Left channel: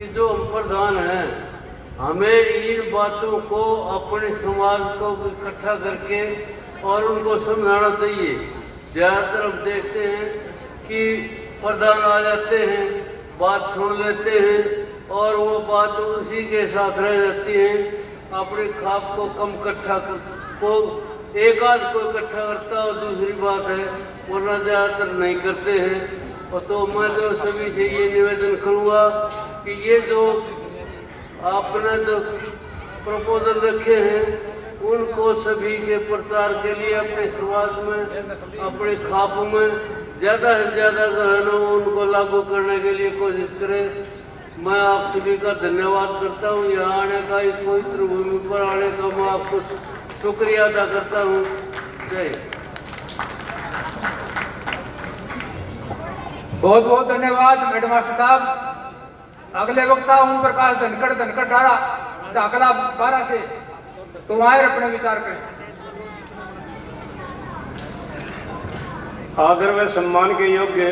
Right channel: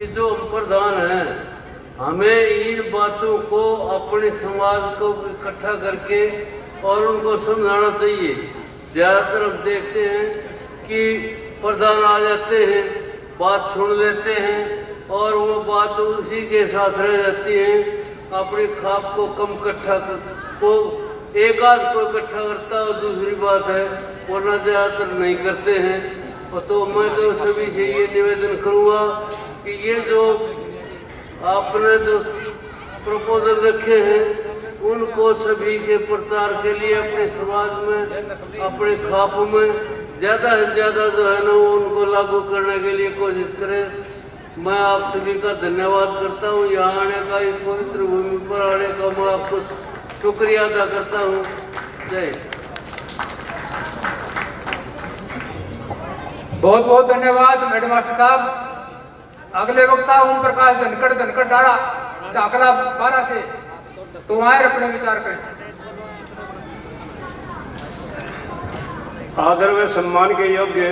जो हम प्रधान हैं, हमें इन बातों को अपने समाज को इकट्ठा करके और उनको समझाना चाहिए। ज़्यादातर हम देखते हैं कि प्रधान आ जाते हैं, बात सुन लेते हैं और वो बात उसी के साथ रह जाती है। अपने खाप को कम इकट्ठा को एक आध को इकट्ठा करता है और दूसरी बात है वरना ज़्यादातर नहीं करते हैं। तो मैं तो सभी से ये निवेदन करूँगा कि ये जो आपने जो प्रपोजल रखे हैं उनको सभी के प्रचार के लिए अपने समाज में, अपने खाप में ज़्यादा से ज़्यादा जो है ना उनको लागू करने के लिए कोशिश करें। मैं आप सभी का धन्यवाद करता हूँ। यहाँ आने का, इस पवित्र भूमि पर आने का मैं आपको शुक्रिया अदा करता हूँ। जय। बहुत बहुत धन्यवाद हेड मास्टर साहब। अगले वक्ता ओम प्रकाश धनखड़ डाला तो अगला 12 से तो वहां अपने विचार करें। आदर में सम्मान के योग्य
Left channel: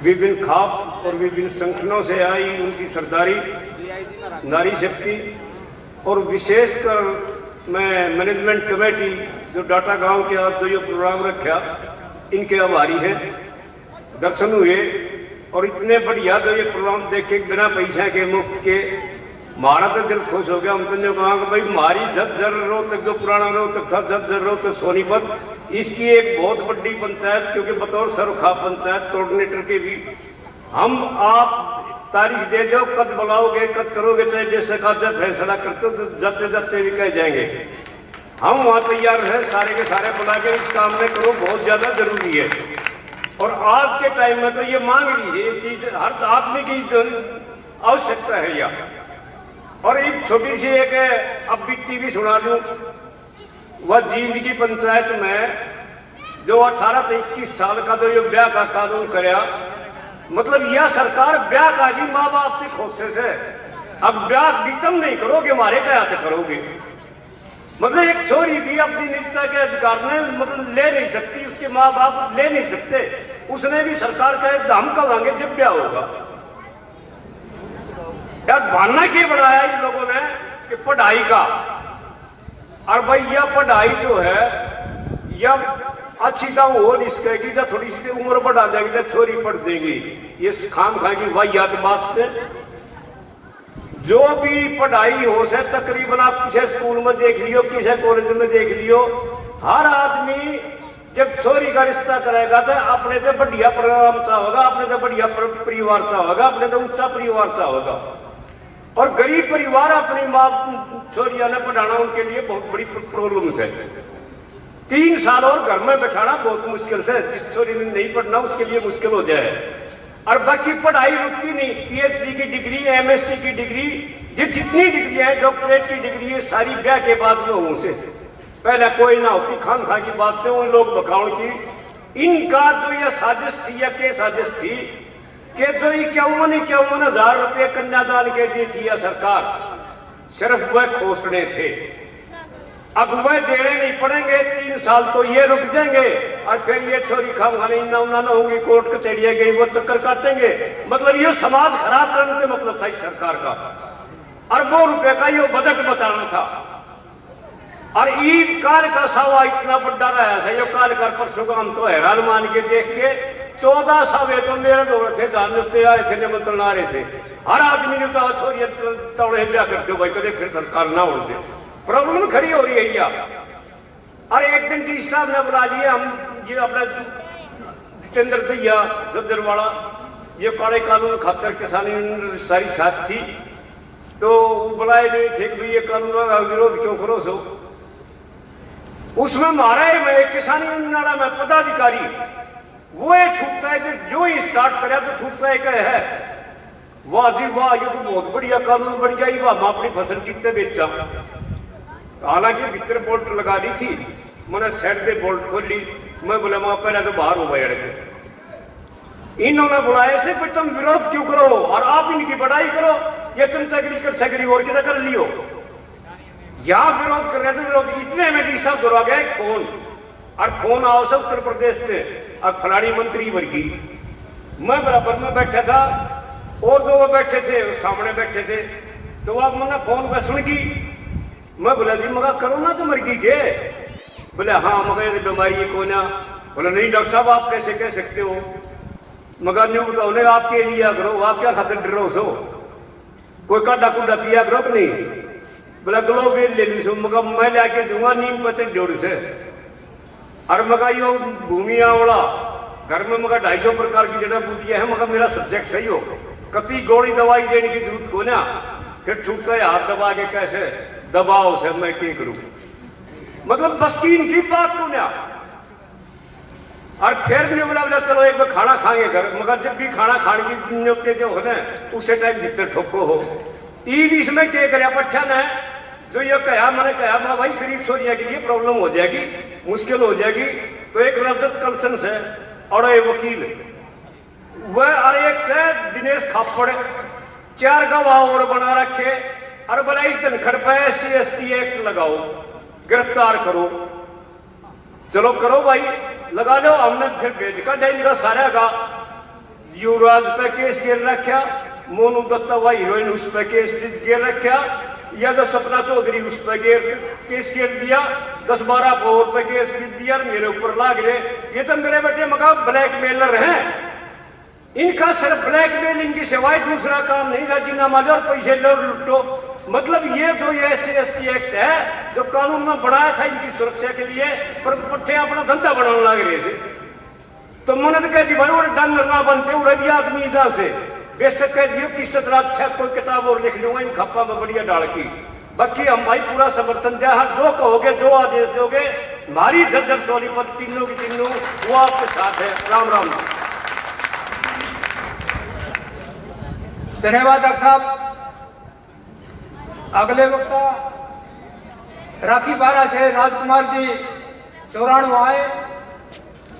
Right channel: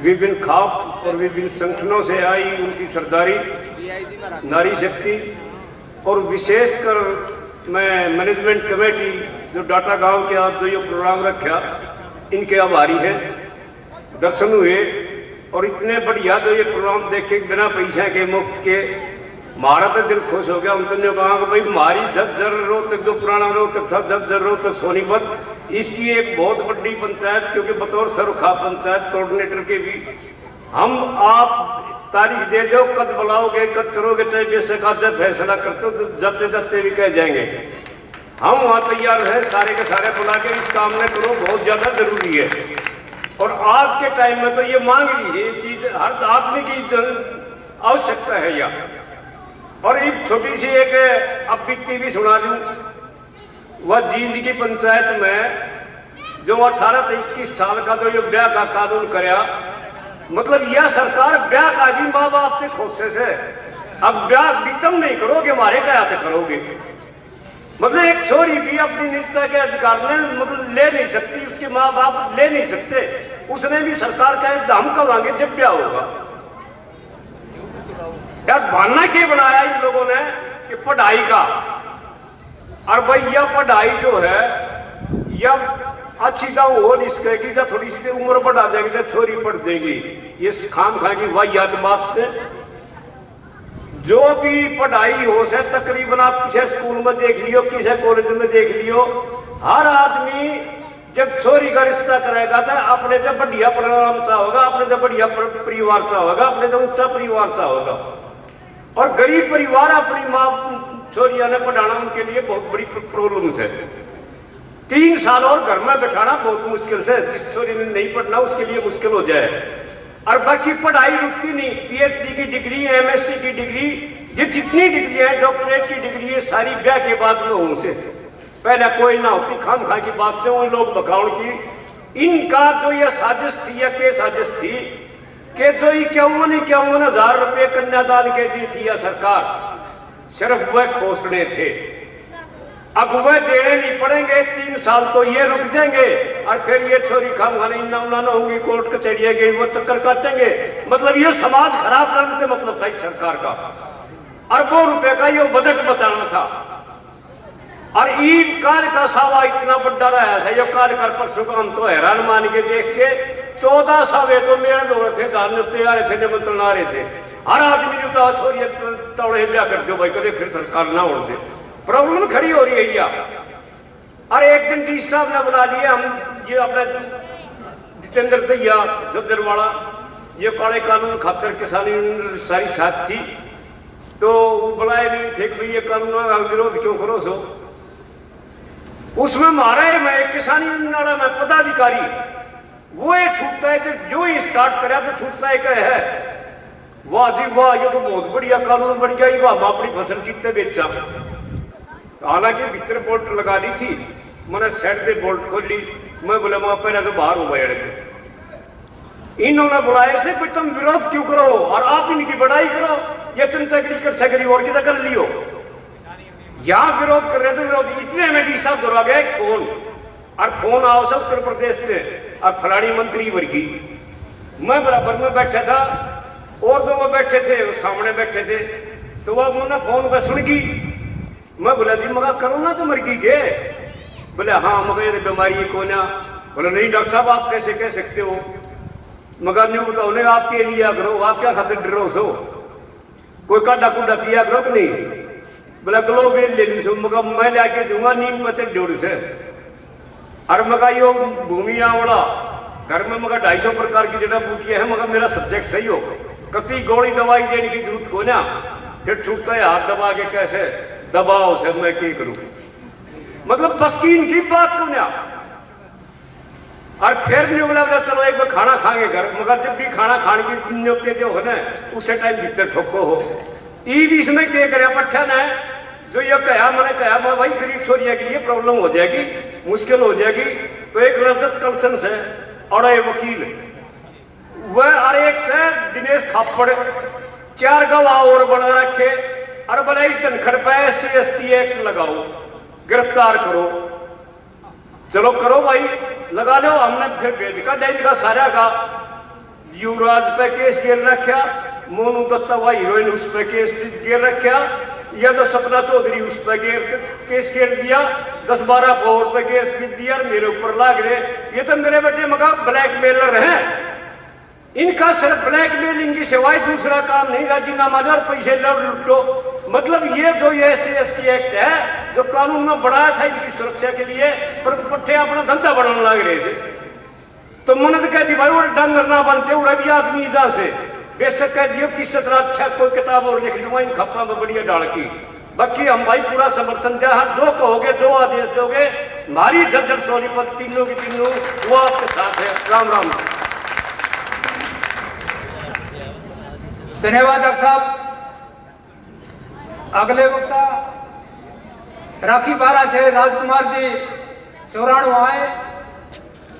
विभिन्न खाप और विभिन्न संगठनों से आई उनकी सरदारी, नारी शक्ति और विशेषकर मैं मैनेजमेंट कमेटी जो डाटा गांव के आज जो ये प्रोग्राम रखा इनके आभारी हैं। दर्शन हुए और इतने बढ़िया जो ये प्रोग्राम देखे बिना पैसे के मुफ्त के हमारा तो दिल खुश हो गया। हम तो ने कहा कि भाई हमारी झज्जर रोहतक जो पुराना रोहतक था, झज्जर रोहतक सोनीपत, इसकी एक बहुत बड़ी पंचायत, क्योंकि बतौर सरखा पंचायत कोऑर्डिनेटर के भी हम आप तारीख दे दो, कद बुलाओगे कद करोगे, चाहे बेशक आज फैसला करते तो जाते जाते भी कह जाएंगे। हम वहाँ तैयार हैं सारे के सारे बुला के इस काम में करो, बहुत ज्यादा जरूरी है। और आज के टाइम में तो ये मांग रही है, ये चीज हर आदमी की आवश्यकता है यहाँ। और एक छोटी सी एक अब बीती भी सुना दूं, वह जींद की पंचायत में जो 18 से 21 साल का तो ये ब्याह का कानून कराया, मतलब यह सरकार ब्याह का भी माँ बाप से खोसे से अब ब्याह बीतम नहीं करोगे, हमारे क्या करोगे। मतलब एक छोरी भी अपनी निजता के अधिकार में मतलब ले नहीं सकती, उसके माँ बाप ले नहीं सकते, उसने भी सरकार का हम कमांगे जब ब्याह होगा। यार बहाना क्या बनाया इन लोगों ने कि पढ़ाई का, और भाई यह पढ़ाई जो है यह अच्छी तो हो नहीं सकेगी जब थोड़ी सी उम्र बढ़ा देंगे जब छोरी पढ़ देगी। ये खाम खाएगी वाहियात बात से। जो भी पढ़ाई हो से तकरीबन आप किसी स्कूल में देख लियो, किसी कॉलेज में देख लियो, हर आदमी जब छोरी का रिश्ता करेगा तो अपने से बढ़िया परिणाम सा होगा, अपने से बढ़िया परिवार सा होगा, अपने से ऊंचा परिवार सा होगा। और गरीब परिवार अपनी माँ छोरियां ने पढ़ाना उनके लिए बहुत बड़ी प्रॉब्लम है। 3 साल और घर में बैठाना बहुत मुश्किल से, जिस छोरी ने नहीं पढ़ना उसके लिए मुश्किल हो जाए। और बाकी पढ़ाई रुकती नहीं, पीएचडी की डिग्री, एमएससी की डिग्री, जितनी डिग्री है, डॉक्टरेट की डिग्री है, सारी ब्याह के बाद में होने से पहले कोई ना होती। खाम खा की बात से उन लोग बकाउल की इनका जो यह साजिश थी या के साजिश थी कि जो 51,000 रुपये कन्यादान के दी थी यह सरकार, सिर्फ वह घोषणे थे। अब वह देने नहीं पड़ेंगे, 3 साल तो ये रुक जाएंगे और फिर ये छोरी खाम खाने ना होंगी, कोर्ट कचहरिया गई, वो चक्कर काटेंगे। मतलब ये समाज खराब करने से मतलब था इस सरकार का, अरबों रुपए का ये बजट बताना था। और ईद कार्य का सावा इतना बड़ा रहा है, ये कार्य कर परसों को हम तो हैरान मान के देख के 14 सावे तो मेरे दौड़े थे, धारने तैयार थे, निमंत्रण आ रहे थे। हर आदमी ने कहा छोरी तोड़े ब्याह कर दो भाई, कदे फिर सरकार ना उड़ दे। प्रॉब्लम खड़ी हो रही है यार। और एक दिन डी साहब ने बुला दिया, हम ये अपने जितेंद्र दैया जद्दरवाड़ा, ये पाड़े कानून खातर किसानी सारी साथ थी, तो बुलाए नहीं थे कि ये कानून विरोध क्यों करो सो। उसमें मारा है मैं किसानी नारा में पदाधिकारी, वो ये छूटता है जो ही स्टार्ट करे तो छूटता है। वाह जी वाह, ये तो बहुत बढ़िया कानून बन गया, ये हम अपनी फसल कितने बेचा। हालांकि भीतर बोल्ट लगा दी थी, मैंने साइड पे बोल्ट खोली, मैं बोला मैं पहले तो बाहर हो गया थे। इन्होंने बुलाए से कुछ तुम विरोध क्यों करो और आप इनकी बढ़ाई करो, ये तुम तगड़ी कर सकरी और कितना कर लियो। यहाँ विरोध कर रहे थे लोग, इतने में भी सब दौरा गए फोन, और फोन आओ से उत्तर प्रदेश से और खिलाड़ी मंत्री वर्गी। मैं बराबर में बैठा था, और जो वो बैठे थे वो सामने बैठे थे, तो वो उन्होंने फोन का सुन की। मैं बोला जी मगर कोरोना तो मर गई के? बोले हाँ मगर बीमारी को ना। बोले नहीं डॉक्टर साहब आप कैसे कह सकते हो? मगर नहीं बताओ नहीं आपके लिए करो, आप क्या खातिर डरो सो? कोई काटा कुंडा पिया करो नहीं? बोला ग्लोब ले ली सो, मगर मैं लेके दूंगा नीम पचक जोड़ से। और मगा यो भूमि आवड़ा घर में मगर 250 प्रकार की जड़ा बूटियां है, मगर मेरा सब्जेक्ट सही हो, कति गोली दवाई देने की जरूरत को ना, फिर छूटता है हाथ दबा के कैसे दबाओ से मैं क्या करूं? मतलब बस की इनकी बात को ना। और फिर नहीं बोला चलो एक बार खाना खाएंगे घर, मगर जब भी खाना खाने की नियुक्ति जो है ना उसे टाइम भीतर ठोको हो। ई बीच में क्या करे पट्ठन है जो ये कहा, मैंने कहा मैं भाई गरीब छोरिया के लिए प्रॉब्लम हो जाएगी, मुश्किल हो जाएगी। तो एक रजत कलसन से और एक वकील वह और एक से दिनेश थापड़ 4 गवाह और बना रखे और बोला इस धनखड़ पे SC/ST एक्ट लगाओ, गिरफ्तार करो। चलो करो भाई लगा लो। हमने फिर भेज का डेंज का सारा का युवराज पे केस गिर रखा, मोनू दत्ता वह हीरोइन उस पे केस गिर रखा, या जो सपना चौधरी उस पे केस गिर दिया, 10-12 करोड़ पे केस गिर दिया, मेरे ऊपर लाग रहे। ये तो मेरे बेटे मगा ब्लैकमेलर हैं, इनका सिर्फ ब्लैकमेलिंग की सिवाय दूसरा काम नहीं, राजीनामा दो और पैसे लो लुटो। मतलब ये जो ये SC/ST एक्ट है जो कानून में बढ़ाया था इनकी सुरक्षा के लिए, पर पट्टे अपना धंधा बढ़ाने लग रहे थे। तो मन्नत कह दी भाई वो डंग करना बनते उड़ा भी आदमी इजा से बेशक कह दियो किस तरह अच्छा कोई किताब और लिख लूंगा इन खपड़ा में बढ़िया डाल की। बाकी हम भाई पूरा समर्थन दिया, हर जो कहोगे जो आदेश दोगे, हमारी जर्जर सोनीपत तीनों की तीनों वो आपके साथ है। राम राम। धन्यवाद डॉक्टर साहब। अगले वक्ता राखी बारा से राजकुमार जी चौराणु आए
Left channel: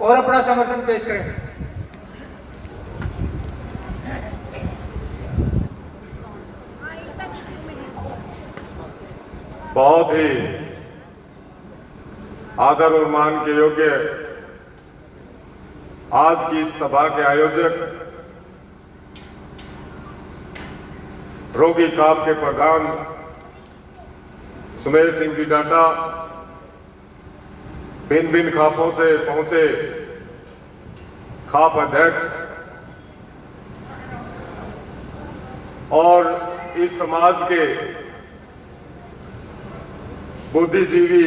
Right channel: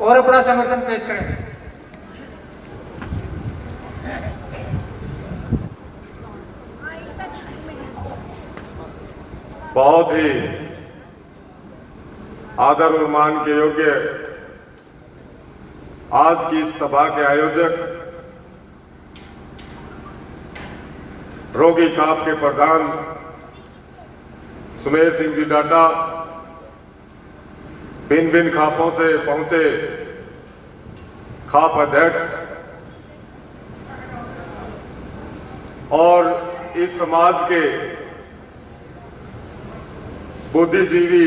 और अपना समर्थन पेश करें। बहुत ही आदर और मान के योग्य आज की इस सभा के आयोजक रोगी काप के प्रधान सुमेर सिंह जी डाटा, भिन्न भिन्न खापों से पहुंचे खाप अध्यक्ष और इस समाज के बुद्धिजीवी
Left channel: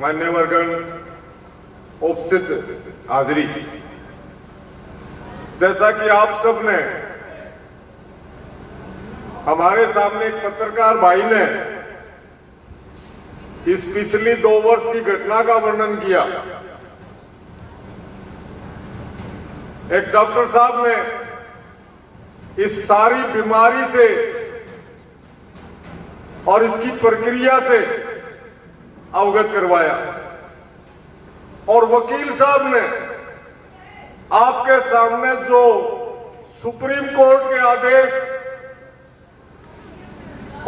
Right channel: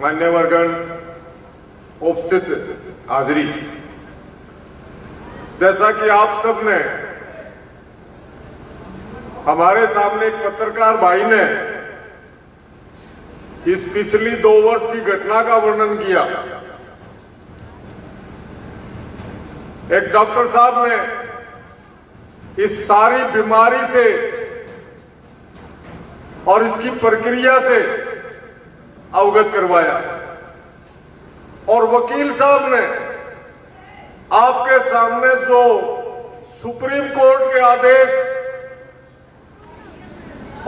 मान्यवरगण, उपस्थित हाजिरी, जैसा कि आप सब ने हमारे सामने एक पत्रकार भाई ने इस पिछली 2 वर्ष की घटना का वर्णन किया, एक डॉक्टर साहब ने इस सारी बीमारी से और इसकी प्रक्रिया से अवगत करवाया, और वकील साहब ने आपके सामने जो सुप्रीम कोर्ट के आदेश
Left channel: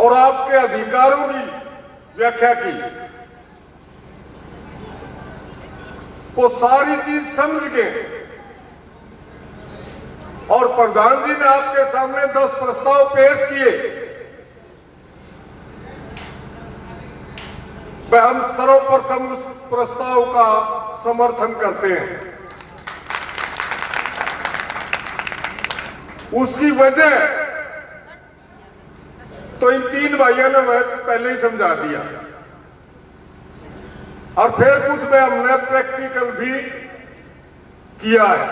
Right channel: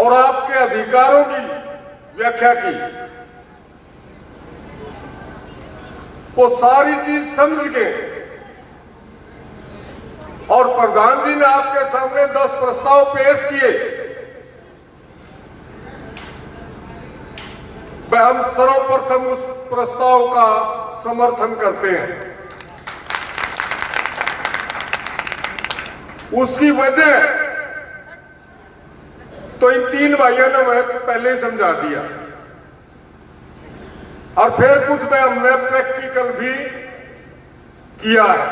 और आपके अधिकारों की व्याख्या की, वो सारी चीज समझ के, और प्रधान जी ने आपके सामने 10 प्रस्ताव पेश किए। हम सर्वप्रथम उस प्रस्ताव का समर्थन करते हैं। उसकी वजह तो इन 3 भाइयों ने मैं पहले ही समझा दिया, और फिर कुछ में हमने प्रैक्टिकल भी किया है।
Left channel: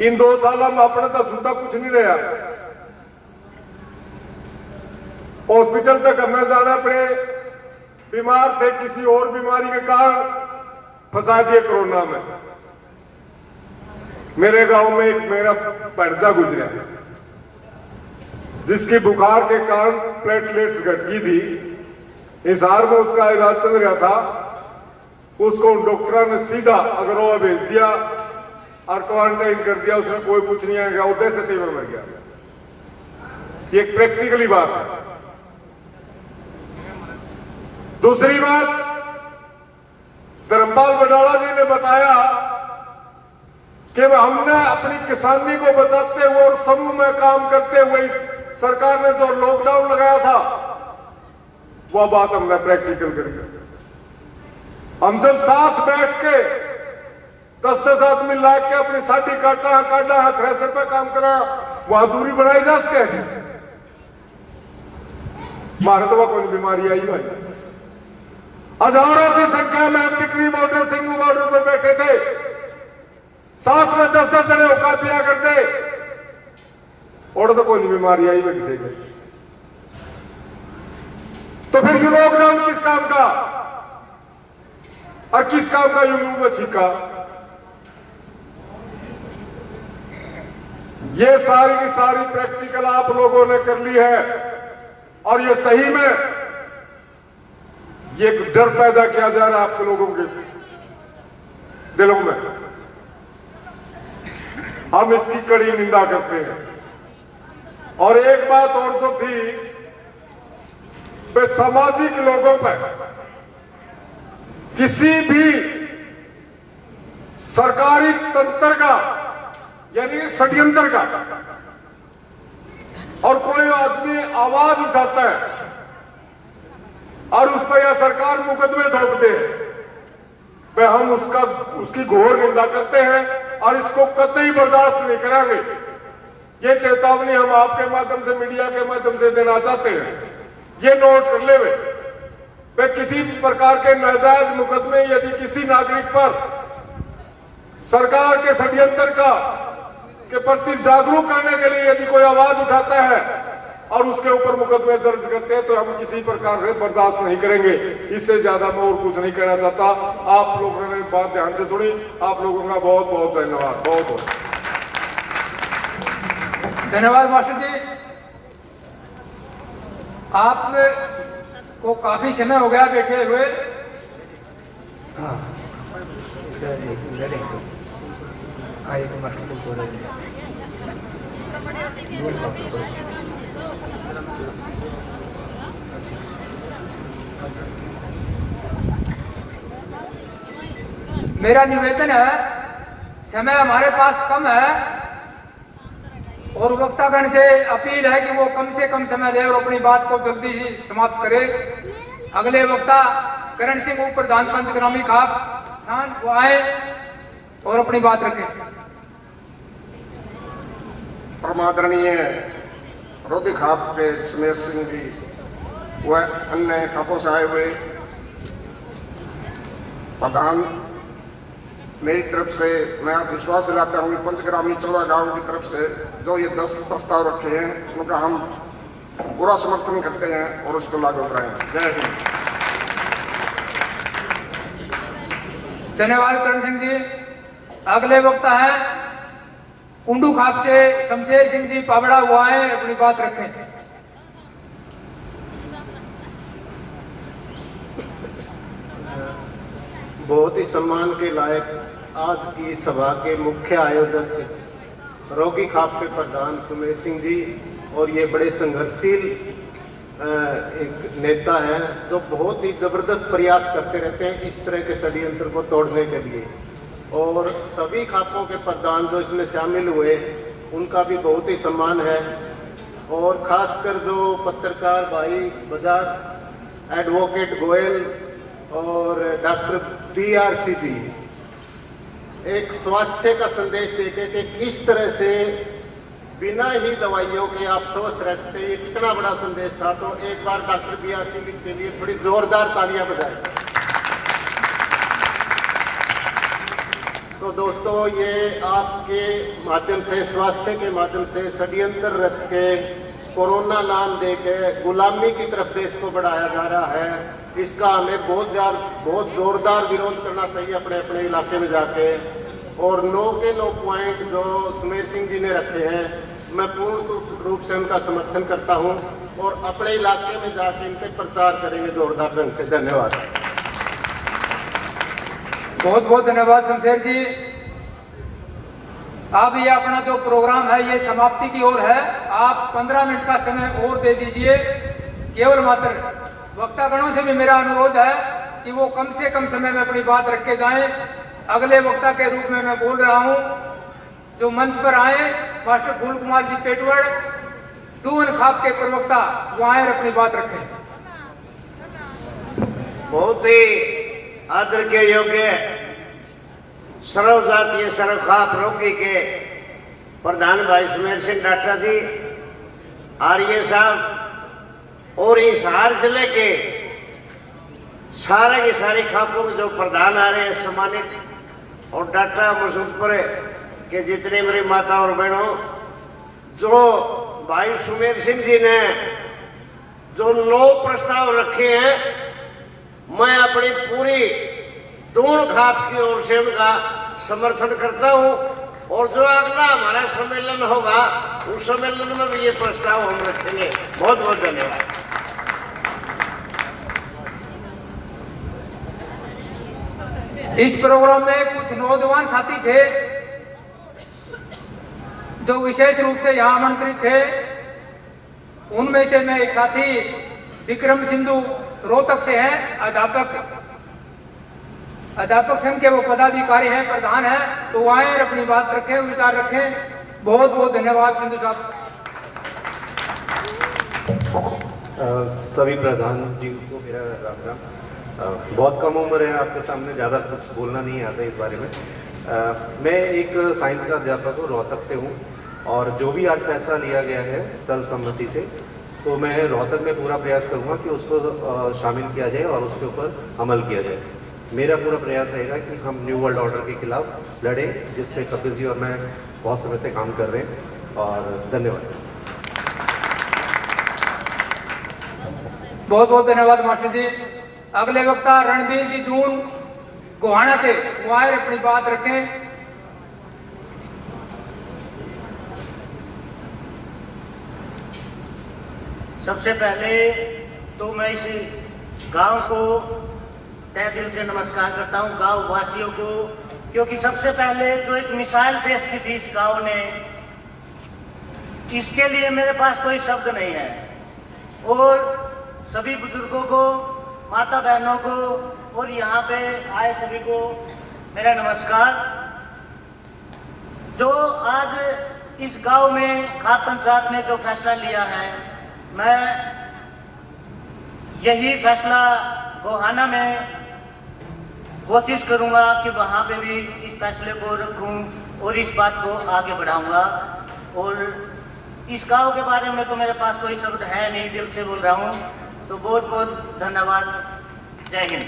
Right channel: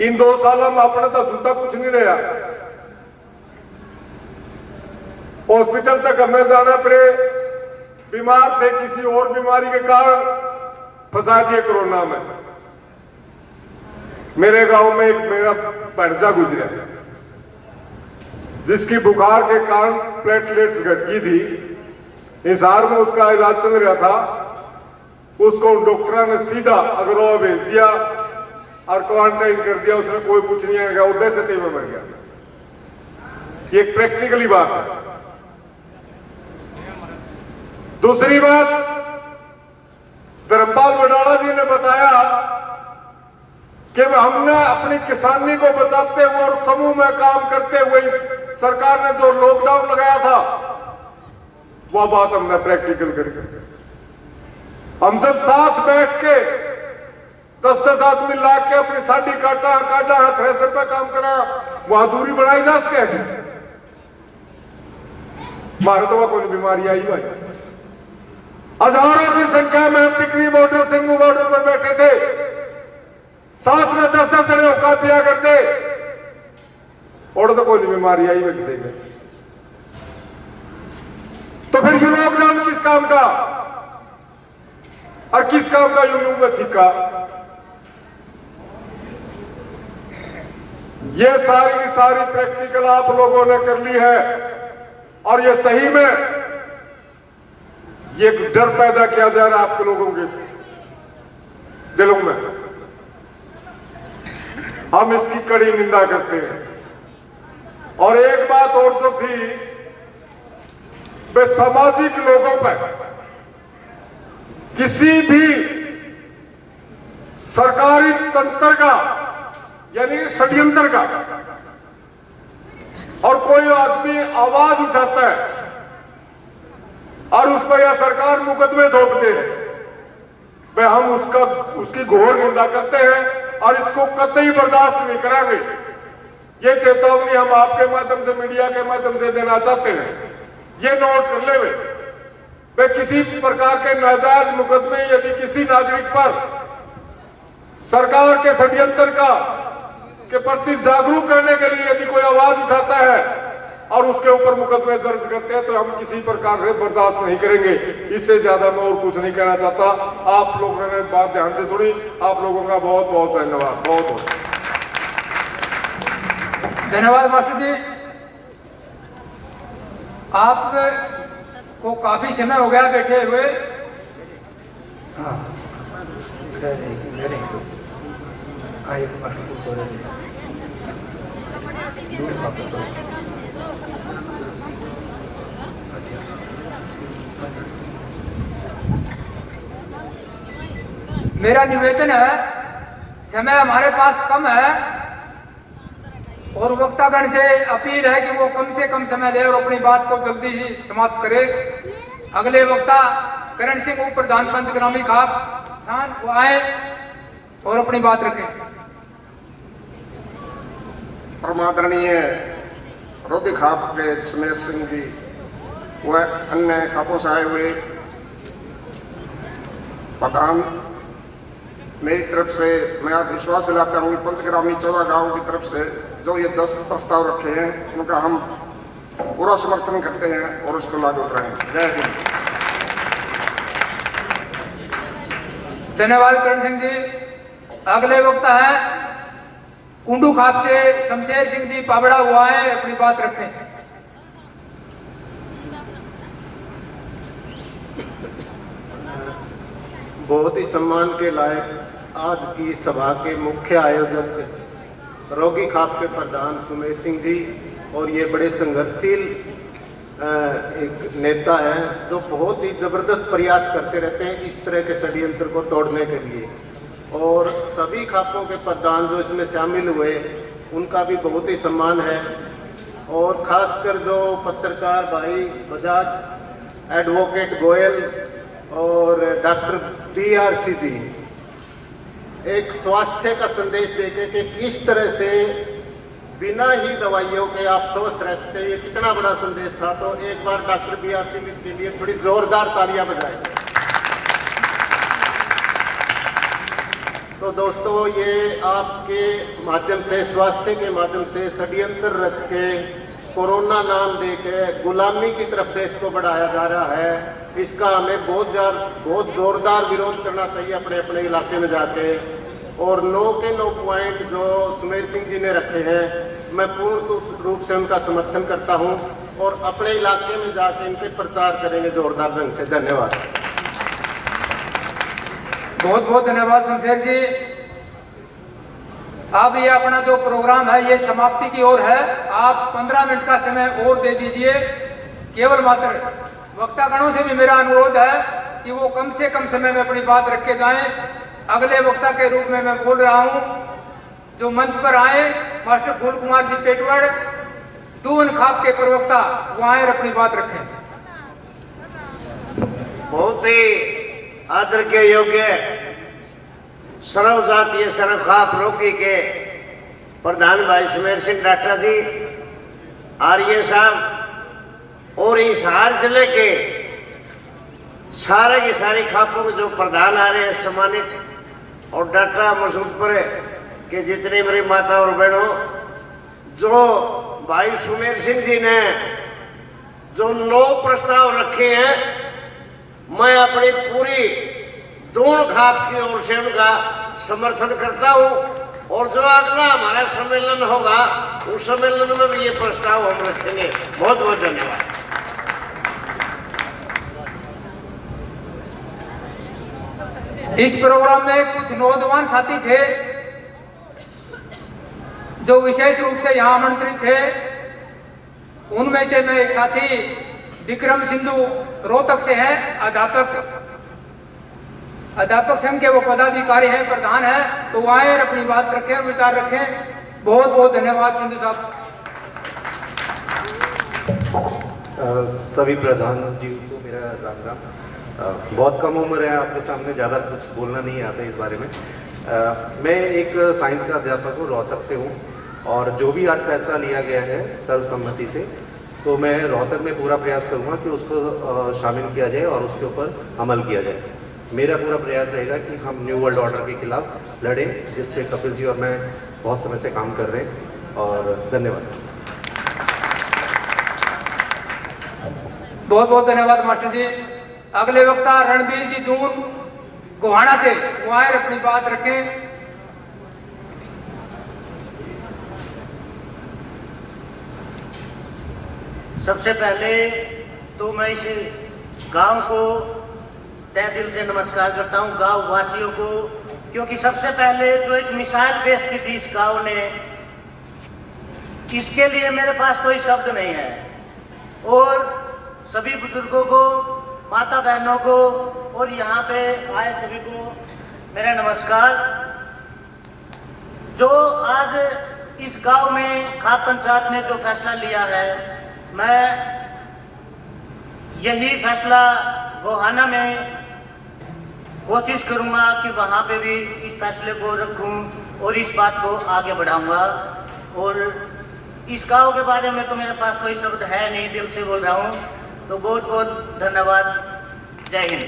इन 2 सालों में अपने तो सुनता कुछ नहीं रहा। हॉस्पिटल तक हमें जाना पड़े, बीमार थे किसी और बीमारी के कारण, फंसा दिए कोरोना में। मेरे गांव में एक मेरा भंजा गुजरा जिसकी बुखार के कारण प्लेटलेट्स घट गई थी, हिसार में उसका इलाज चल रहा था। उसको डॉक्टर ने सीधा अगरवा भेज दिया और क्वारंटाइन कर दिया। उसने कोई कुछ नहीं आएगा, उधर से तेज मर गया। ये प्रैक्टिकली बात है। दूसरी बात, धर्मपाल बडोला जी ने बताया कि हमने अपनी किसानी को बचाते हुए और समूह में काम करते हुए इस सरकार ने जो लॉकडाउन लगाया था वह बात हमने प्रैक्टिकल करी। हम सब साथ बैठ के 10-10 आदमी ला के अपनी साड़ी काटा थ्रेसर का काम करा, वहां दूरी बनाई जा सके। भारत में कोई बीमारी आई भाई, हजारों की संख्या में टिकरी बॉर्डर सिंगू बॉर्डर पर बैठे थे, साथ में 10-10 जने होका पिया करते, और तो कोई बीमारी आई भाई किसी का। तो फिर ये लॉकडाउन किस काम का और किस काम का यूं का छिका? ये सारी की सारी प्रैक्टिकल आप लोगों ने कर ली है, और ये सही में ये डर पैदा किया जा रहा है आपके लोगों के दिलों में। हम इसकी कड़ी निंदा करते हैं। और एक बात और जो थी, वे सामाजिक लोगों पर किसी भी सरकारी तंत्र का यानी षड्यंत्र का और कोई आदमी आवाज उठाता है और उस पर या सरकार मुकदमे थोपते हैं, वे हम उसकी घोर निंदा करते हैं और इसको कतई बर्दाश्त नहीं करेंगे। ये चेतावनी हम आपके माध्यम से, मीडिया के माध्यम से देना चाहते हैं। ये नोट कर ले वे किसी प्रकार के नाजायज मुकदमे यदि किसी नागरिक पर सरकार के षड्यंत्र के प्रति जागरूक करने के लिए यदि कोई आवाज उठाता है और उसके ऊपर मुकदमे दर्ज करते हैं तो हम किसी प्रकार से बर्दाश्त नहीं करेंगे। इससे ज्यादा मैं और कुछ नहीं कहना चाहता। आप लोगों ने बात ध्यान से सुनी, आप लोगों का बहुत बहुत धन्यवाद। बहुत बहुत धन्यवाद मास्टर जी। आप को काफी समय हो गया बैठे हुए। हाँ मेरा निवेदन है, समय हमारे पास कम है और वक्तागण से अपील है कि वो कम से कम समय दे और अपनी बात को जल्दी ही समाप्त करे। अगले वक्ता करण सिंह उप प्रधान पंचग्रामी खाप छान वो आए और अपनी बात रखें। परमादरणीय रोधी खाप के सुमेर सिंह जी व अन्य खापों से आए हुए प्रधान, मेरी तरफ से मैं आप विश्वास दिलाता हूँ पंचग्रामी 14 गांवों की तरफ से जो ये 10 प्रस्ताव रखे हैं उनका हम पूरा समर्थन करते हैं और उसको लागू कराएंगे। जय हिंद। धन्यवाद करण सिंह जी। अगले वक्ता है कुंडू खाप से शमशेर सिंह जी पाबड़ा हुआ है, अपनी बात रखें। बहुत ही सम्मान के लायक आज की सभा के मुख्य आयोजक रोगी खाप के प्रधान सुमेर सिंह जी और ये बड़े संघर्षशील एक नेता है जो बहुत ही जबरदस्त प्रयास करते रहते हैं इस तरह के षड्यंत्र को तोड़ने के लिए। और सभी खापों के प्रधान जो इसमें शामिल हुए उनका भी बहुत ही सम्मान है। और खासकर जो पत्रकार भाई बजाज, एडवोकेट गोयल और डॉक्टर BRC जी एक स्वास्थ्य का संदेश देके कि किस तरह से बिना ही दवाइयों के आप स्वस्थ रह सकते हैं, ये कितना बड़ा संदेश था। तो एक बार डॉक्टर BRC जी के लिए थोड़ी जोरदार तालियां बजाएं। तो दोस्तों, ये आपके माध्यम से, स्वास्थ्य के माध्यम से षड्यंत्र रच के कोरोना नाम देके गुलामी की तरफ देश को बढ़ाया जा रहा है। इसका हमें बहुत जोरदार विरोध करना चाहिए अपने अपने इलाके में जाके। और 9 के 9 पॉइंट जो सुमेर सिंह जी ने रखे हैं, मैं पूर्ण रूप से उनका समर्थन करता हूं और अपने इलाके में जाके इनके प्रचार करेंगे जोरदार ढंग से। धन्यवाद। बहुत बहुत धन्यवाद शमशेर जी। अब ये अपना जो प्रोग्राम है ये समाप्ति की ओर है। आप 15 मिनट का समय और दे दीजिए। केवल मात्र वक्तागणों से भी मेरा अनुरोध है कि वो कम से कम समय में अपनी बात रख के जाएं। अगले वक्ता के रूप में मैं बोल रहा हूं जो मंच पर आए मास्टर फूल कुमार जी पेटवाड़, दून खाप के प्रवक्ता, वो आए और अपनी बात रखें। बहुत ही आदर के योग्य सर्व जातीय सर्व खाप रोगी के प्रधान भाई सुमेर सिंह डाटा जी, आर्य साहब और इस हार जिले के सारा ये सारी खापों के जो प्रधान आ रहे हैं सम्मानित, और डाटा मसूदपुर के जितने मेरी माता और बहनों, जो भाई सुमेर सिंह जी ने जो 9 प्रस्ताव रखे हैं, मैं अपनी पूरी दून खाप की ओर से उनका समर्थन करता हूं, और जो अगला हमारा सम्मेलन होगा उस सम्मेलन में भी ये प्रस्ताव हम रखेंगे। बहुत बहुत धन्यवाद। इस प्रोग्राम में कुछ नौजवान साथी थे जो विशेष रूप से यहाँ आमंत्रित थे। उनमें से मैं एक साथी विक्रम सिंधु रोहतक से हैं, अध्यापक संघ के वो पदाधिकारी हैं, प्रधान हैं, तो वो आए और अपनी बात रखें और विचार रखें। बहुत बहुत धन्यवाद सिंधु साहब। सभी प्रधान जी को मेरा राम राम। बहुत कम उम्र है, आपके सामने ज़्यादा कुछ बोलना नहीं आता इस बारे में। मैं एक साइंस का अध्यापक हूँ, रोहतक से हूँ, और जो भी आज फैसला लिया गया है सर्वसम्मति से, तो मैं रोहतक में पूरा प्रयास करूँगा कि उसको शामिल किया जाए और उसके ऊपर अमल किया जाए। मेरा पूरा प्रयास रहेगा कि हम न्यू वर्ल्ड ऑर्डर के खिलाफ लड़ें, जिस पे कपिल जी और मैं बहुत समय से काम कर रहे हैं। और धन्यवाद। बहुत बहुत धन्यवाद मास्टर जी। अगले वक्ता रणबीर जी जून गोहाना से, वो आए अपनी बात रखें। सबसे पहले तो मैं इस गांव को तहे दिल से नमस्कार करता हूं, गांव वासियों को, क्योंकि सबसे पहले जो एक मिसाल पेश की थी इस गांव ने, इसके लिए मेरे पास कोई शब्द नहीं है। और सभी बुजुर्गों को, माता बहनों को और यहाँ पे आए सभी को मेरा नमस्कार। जो आज इस गांव में खाप पंचायत ने जो फैसला लिया है, मैं यही फैसला गोहाना में कोशिश करूंगा कि वहां पे भी इस फैसले को रखूं और इस बात को आगे बढ़ाऊंगा। और इस गांव के बारे में तो मेरे पास कोई शब्द है नहीं, दिल से बोल रहा हूं। तो बहुत बहुत धन्यवाद। जय हिंद।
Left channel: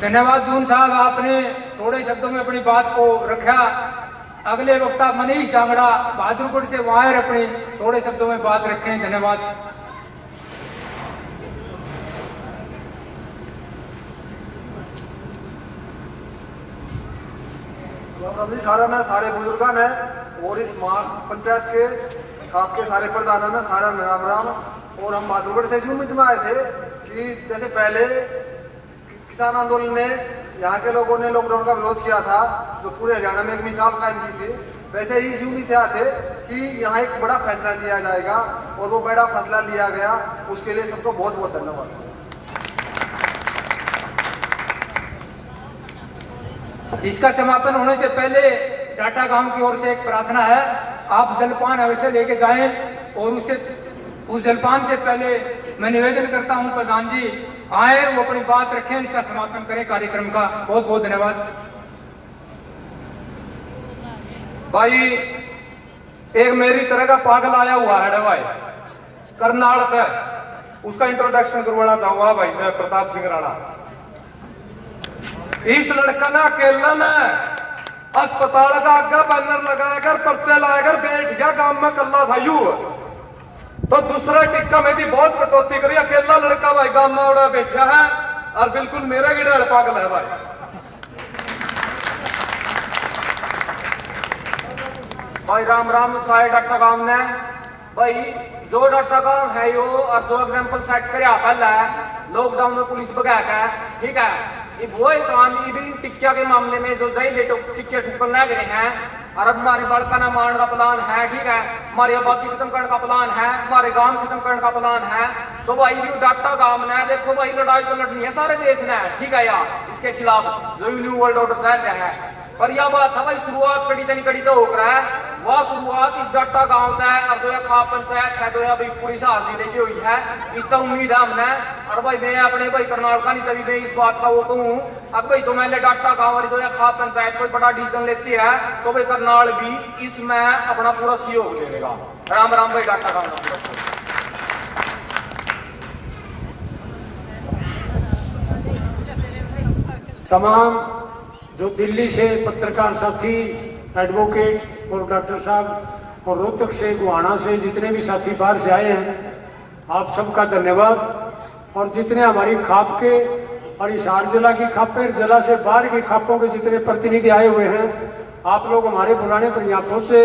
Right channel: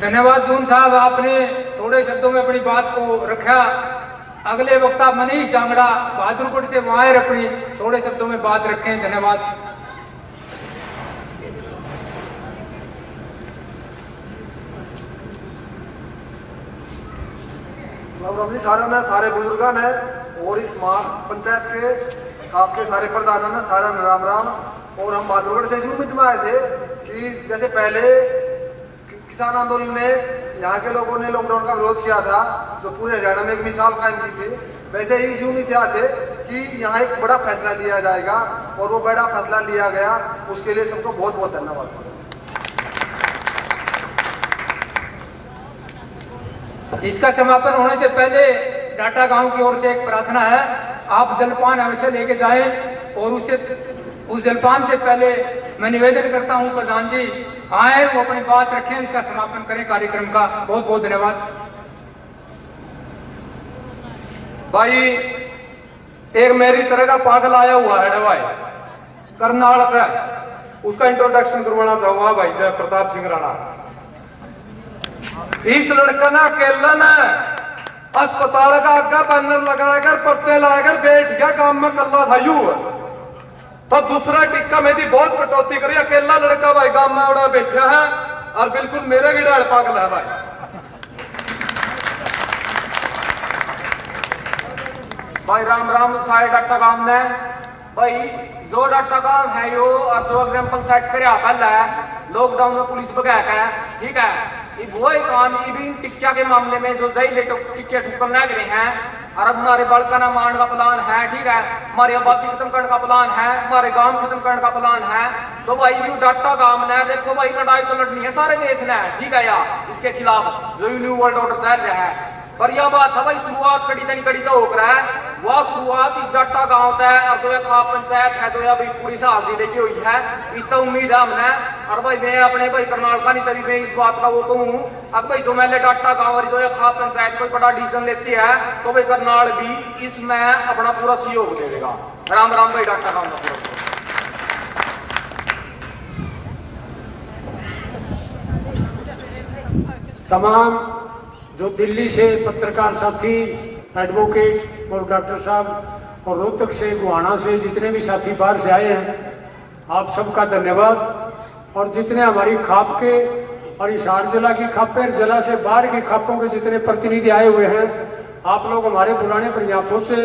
धन्यवाद जून साहब, आपने थोड़े शब्दों में अपनी बात को रखा। अगले वक्ता मनीष जांगड़ा बहादुरगढ़ से, वहां अपनी थोड़े शब्दों में बात रखें। धन्यवाद। सारे बुजुर्ग ने और इस पंचायत के आपके सारे प्रधान ने सारा राम राम। और हम बहादुरगढ़ से इसी उम्मीद में आए थे कि जैसे पहले किसान आंदोलन में यहाँ के लोगों ने लॉकडाउन का विरोध किया था, जो पूरे हरियाणा में एक मिसाल कायम की थी, वैसे ही इसी उम्मीद से आए थे कि यहाँ एक बड़ा फैसला लिया जाएगा, और वो बड़ा फैसला लिया गया। उसके लिए सबको बहुत बहुत धन्यवाद। इसका समापन होने से पहले डाटा गांव की ओर से एक प्रार्थना है, आप जलपान अवश्य लेके जाएं। और उस जलपान से पहले मैं निवेदन करता हूं प्रधान जी आए, वो अपनी बात रखें, इसका समापन करें कार्यक्रम का। बहुत बहुत धन्यवाद। भाई एक मेरी तरह का पागल आया हुआ है भाई करनाल का, उसका इंट्रोडक्शन करवाना चाहूंगा भाई जय प्रताप सिंह राणा। इस लड़का ना अकेला ना अस्पताल का आगे बैनर लगाकर पर्चे लाकर बैठ गया, काम में कल्ला था यू, तो दूसरा टिक्का में भी बहुत कटौती करी। अकेला लड़का भाई गांव में उड़ा बैठा है और बिल्कुल मेरे की डाल पागल है भाई। भाई राम राम सारे डाटा गांव ने भाई जो डाटा गांव है यो, और जो एग्जाम्पल सेट कर पहला है लॉकडाउन में पुलिस भगा है, ठीक है। वो एक काम भी टिक्किया के मामले में जो जय लेटो टिक्किया ठुकर लग रहे हैं, और हमारे बड़का नाम मारने का प्लान है, ठीक है। हमारी आबादी खत्म करने का प्लान है, हमारे गांव खत्म करने का प्लान है। तो भाई भी डाटा गांव ने देखो भाई लड़ाई तो लड़नी है सारे देश ने, ठीक है यार, इसके खिलाफ जो न्यू वर्ल्ड ऑर्डर चल रहा है। पर यह बात है भाई शुरुआत कड़ी तो होकर है वह शुरुआत इस डाटा गांव तक और जो है खाप पंचायत है जो है भाई पूरी साल जिले की हुई है। इस तो उम्मीद है हमने और भाई मैं अपने भाई करनाल का नहीं तभी मैं इस बात का वो कहूँ अब भाई जो मैंने डाटा गांव और जो है खाप पंचायत कोई बड़ा डिसीजन लेती है तो भाई करनाल भी इसमें अपना पूरा सहयोग दे देगा। राम राम भाई डाटा गांव। तमाम जो दिल्ली से पत्रकार साथी, एडवोकेट और डॉक्टर साहब और रोहतक से, गोहाना से जितने भी साथी बाहर से आए हैं, आप सबका धन्यवाद। और जितने हमारी खाप के और हिसार जिला की खापें, जिला से बाहर की खापों के जितने प्रतिनिधि आए हुए हैं, आप लोग हमारे बुलाने पर यहाँ पहुंचे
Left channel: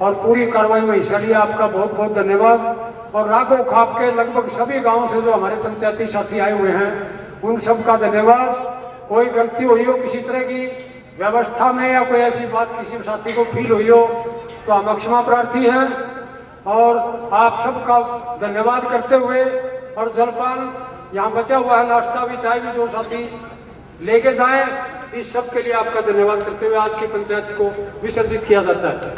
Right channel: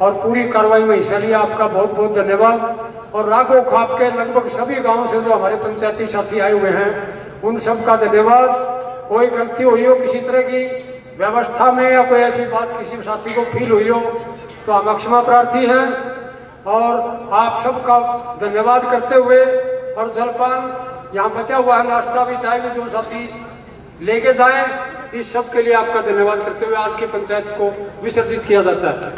और पूरी कार्रवाई में हिस्सा लिया, आपका बहुत बहुत धन्यवाद। और राघो खाप के लगभग सभी गांव से जो हमारे पंचायती साथी आए हुए हैं, उन सबका धन्यवाद। कोई गलती हुई हो किसी तरह की व्यवस्था में या कोई ऐसी बात किसी साथी को फील हुई हो तो हम क्षमा प्रार्थी हैं। और आप सबका धन्यवाद करते हुए और जलपान यहाँ बचा हुआ है, नाश्ता भी चाय भी जो साथी लेके जाएं, इस सब के लिए आपका धन्यवाद करते हुए आज की पंचायत को विसर्जित किया जाता है।